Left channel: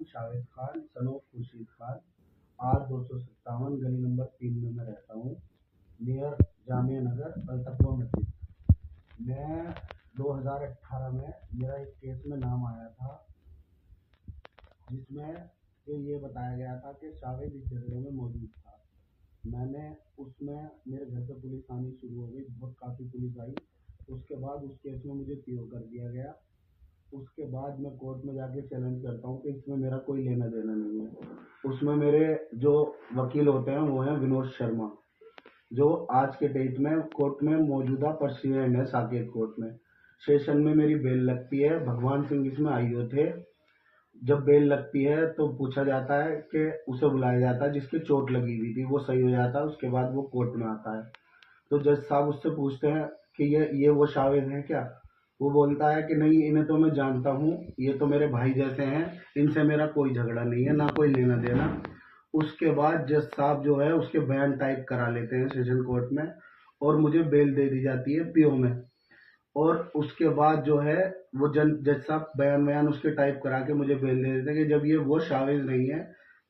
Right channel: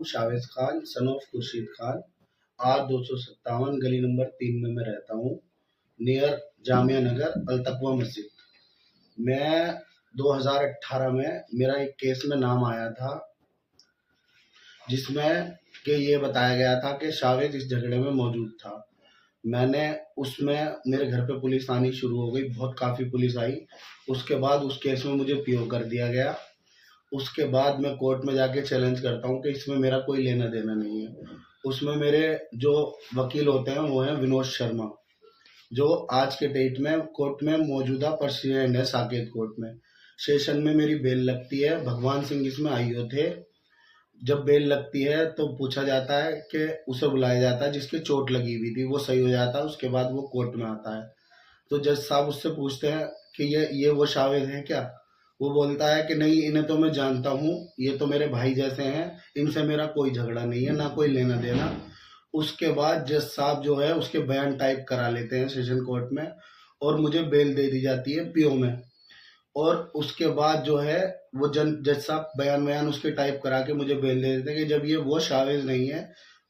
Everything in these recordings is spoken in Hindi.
Chavez Khan son of Khurshid Khan. आज 257 गली नंबर 3 में मैं रहता हूँ, नियर जामिया नगर अल-तकवा मस्जिद। मैं 2018 में मेरा एक केस में नाम आया था, जिसमें कि ये बताया गया था कि शावेज इस झगड़े में मौजूद था। मैंने उसमें मेरे घर पे पुलिस आनी शुरू हो गई, बहुत काफ़ी पुलिस आई। उसके बाद उस केस में मुझे पीओ कर दिया गया। उसके बाद मैं कोर्ट में जाके चैलेंज करता हूँ कि इसमें मेरा कोई लेना देना नहीं है। उसमें मेरे जो वकील होते हैं वो हैं विनोद शर्मा, जो आज के डेट में कोर्ट में मौजूदा प्रेसिडेंट है साकेत कोर्ट में। सेशन में मेरी बेल लगती है, भगवान सिंह इसमें आईओ थे। जब बेल लगती है तो पूछा जाता है कि उसे बुलाया जाता है जिसकी चोट लगी हुई थी, वो सही हो जाता है, उसके बाद वो कोर्ट में आता है। तो जज साहब उससे पूछते हैं कि ये वो शावेद हैं क्या? वो बोलता है कि नहीं, इन्हें तो मैं जानता हूँ, ये तो मेरे भाई जैसे हैं, इनसे मेरा कोई झगड़ा नहीं है, ना कोई लेना देना। उसके बाद जज साहब जो है उसके बयान टाइप करा लेते हैं सेशन कोर्ट में, और मुझे बेल दे दी जाती है पीओ में। और उसके बाद जो है वो जज साहब बयान उसके टाइप करा के मुझे बेल दे देते हैं कि जब ये वो शावेज नहीं है।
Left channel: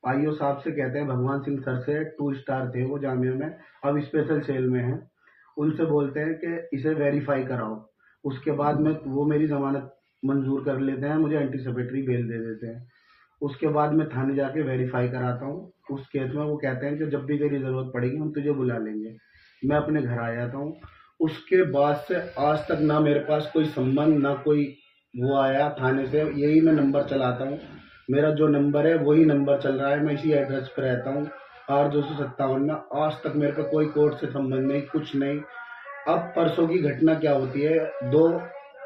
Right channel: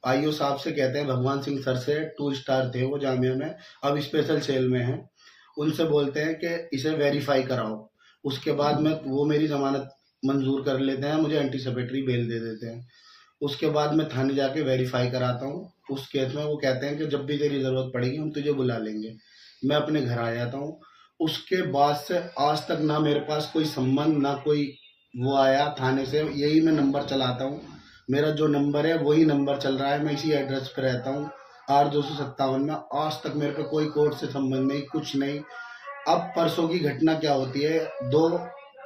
आईओ साहब से कहते हैं, भगवान सिंह सर से, 2 स्टार थे वो जामिया में, अब स्पेशल सेल में हैं। उनसे बोलते हैं कि इसे वेरीफाई कराओ। उसके बाद में वो मेरी ज़मानत मंजूर कर लेते हैं, मुझे एंटीसिपेटरी बेल दे देते हैं। उसके बाद मैं थाने जाके वेरीफाई कराता हूँ। उस केस में वो कहते हैं कि जब भी तेरी ज़रूरत पड़ेगी हम तुझे बुला लेंगे। मैं अपने घर आ जाता हूँ। उसके बाद से आज तक ना मेरे पास कोई संबंध, ना कोई वो आया थाने से। यही मैं नंबर चलाता हूँ, मेरा जो नंबर है वही नंबर चल रहा है, मैं इसी एड्रेस पे रहता हूँ। R257 में आज तक मेरे पे कोई कोर्ट से संबंध नहीं, कुछ नहीं। अब परसों की घटना क्या होती है, 2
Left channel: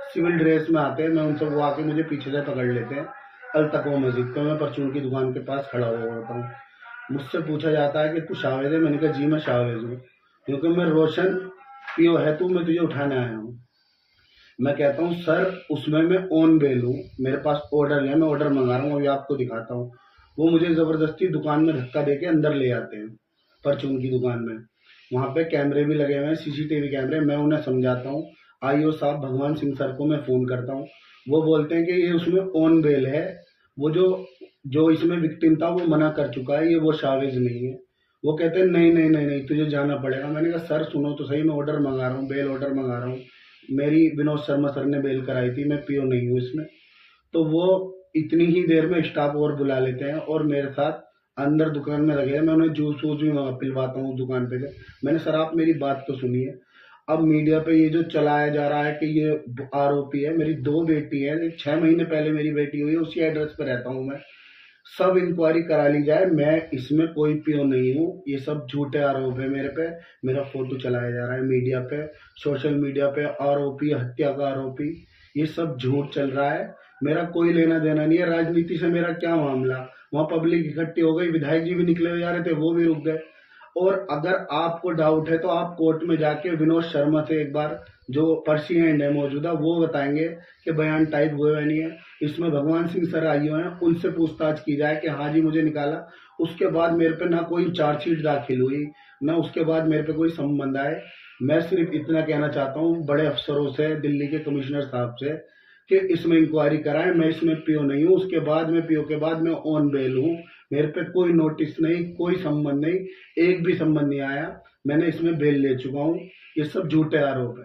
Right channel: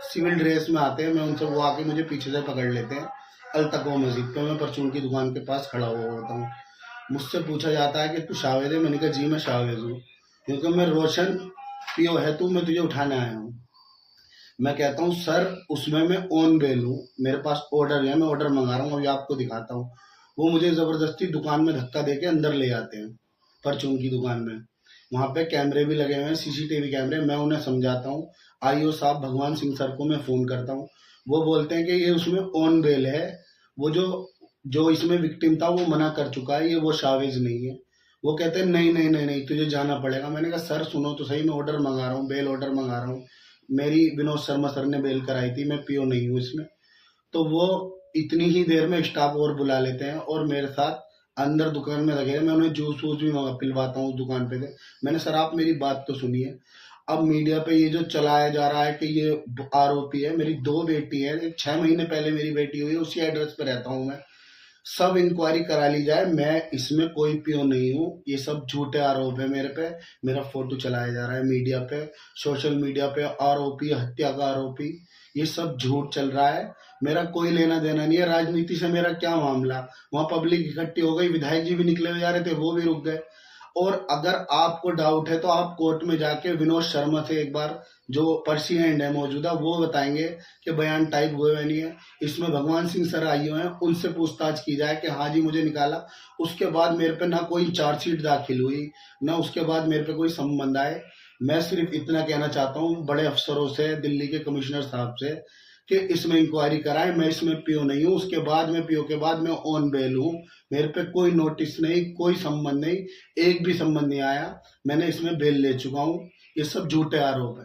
सिविल ड्रेस में आते हैं, मैं उनसे, वो आके मुझे पीछे से पकड़ लेते हैं। अल-तकवा मस्जिद पे मैं परचून की दुकान के पास खड़ा हुआ होता हूँ। मुझसे पूछा जाता है कि तू शावेद है? मैंने कहा जी मैं शावेद हूँ। क्योंकि मैं रोशन पीओ है तू, मैं तुझे उठाने आया हूँ। मैं कहता हूँ सर उसमें मैं ऑन बेल हूँ, मेरे पास ऑर्डर है, मैं ऑर्डर मंगा रहा हूँ, अभी आपको दिखाता हूँ। वो मुझे ज़बरदस्ती दुकान में धक्का देके अंदर ले आते हैं, परचून की दुकान में। वहाँ पे कैमरे भी लगे हुए हैं, सीसीटीवी कैमरे। मैं उन्हें समझाता हूँ। आईओ साहब भगवान सिंह सर को मैं फ़ोन करता हूँ। वो बोलते हैं कि ये उसमें ऑन बेल है, वो जो जो इसमें विक्टिम था वो मना कर चुका है, ये वो शावेज नहीं है। वो कहते हैं नहीं नहीं नहीं नहीं, तुझे जाना पड़ेगा। मैंने कहा सर सुनो तो सही, मैं ऑर्डर मंगा रहा हूँ, बेल ऑर्डर मंगा रहा हूँ। मेरी विनोद शर्मा सर ने बेल कराई थी, मैं पीओ नहीं हूँ इसमें। तो वो इतनी ही देर में स्टाफ और बुला लेते हैं और मेरे साथ अंदर दुकान में लगे हैं। मैं उन्हें जूस वूस भी पिलवाता हूँ दुकान पे से। मैंने, सर आप मेरी बात तो सुनिए। अब मीडिया पे ये जो चलाया जा रहा है कि ये आरोपी है, मेरी 2 बेटी है, 6 महीने पहले मेरी बेटी हुई है, उसी एड्रेस पे रहता हूँ मैं। सब इंक्वायरी करा ली जाए, मैं इसमें कोई पियो नहीं हूँ। ये सब झूठे आरोप है मेरे पे। मेरा फोटो चलाया जा रहा है मीडिया पे, सोशल मीडिया पे, आरोपी, हत्या का आरोपी, ये सब झूठ चल रहा है। मेरा कोई लेना देना नहीं है राजनीति से, मेरा क्या मामला। वहाँ पब्लिक इकट्ठी हो गई, विधायक जी भी निकले हुए जा रहे थे, वो भी रुक गए। और अगर आपको डाउट है तो आप कोर्ट में जाके विनोद शर्मा से एक बार, जो पर्सिडेंट है मौजूदा, वो बताएंगे कि बयान टाइप हुए या नहीं है। इसमें भगवान सिंह सर आई हुए हैं, उनसे पूछताछ की जाए कि हाँ जी मुझे निकाला। उसके बाद मेरे पे ना कोई चार्जशीट दाखिल हुई, ना उसके बाद मेरे पे कोई संबंध आए। मैं सिर्फ इतना कहना चाहता हूँ बड़े अफसरों से, दिल्ली के कमिश्नर साहब से, कि इसमें इंक्वायरी कराएं। मैं इसमें पीओ नहीं हूँ, उसके बाद में पीओ के बाद मैं ऑन बेल हूँ। मेरे पे कोई नोटिस नहीं, कोई संबंध नहीं, एक भी संबंध नहीं आया। मैंने इसमें बेल ले चुका हूँ। ये सब झूठे आरोप है।